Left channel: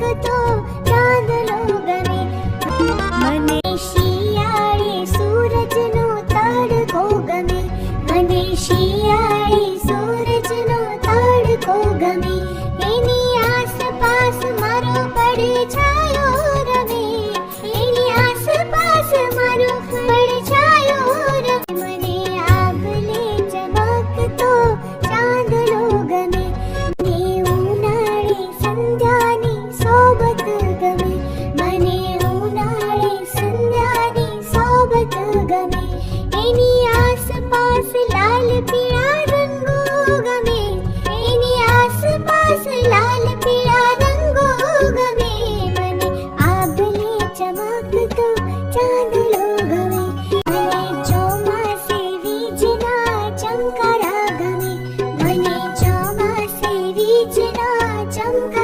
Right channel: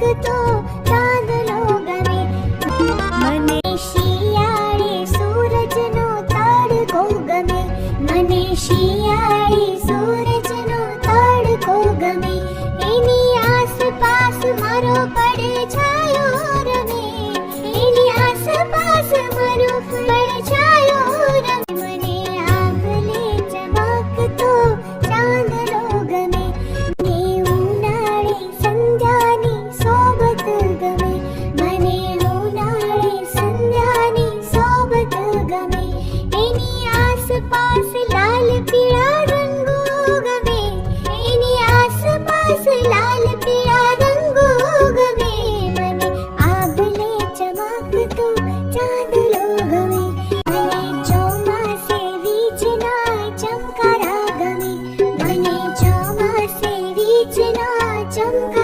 থাকতো गी चो मा जना चि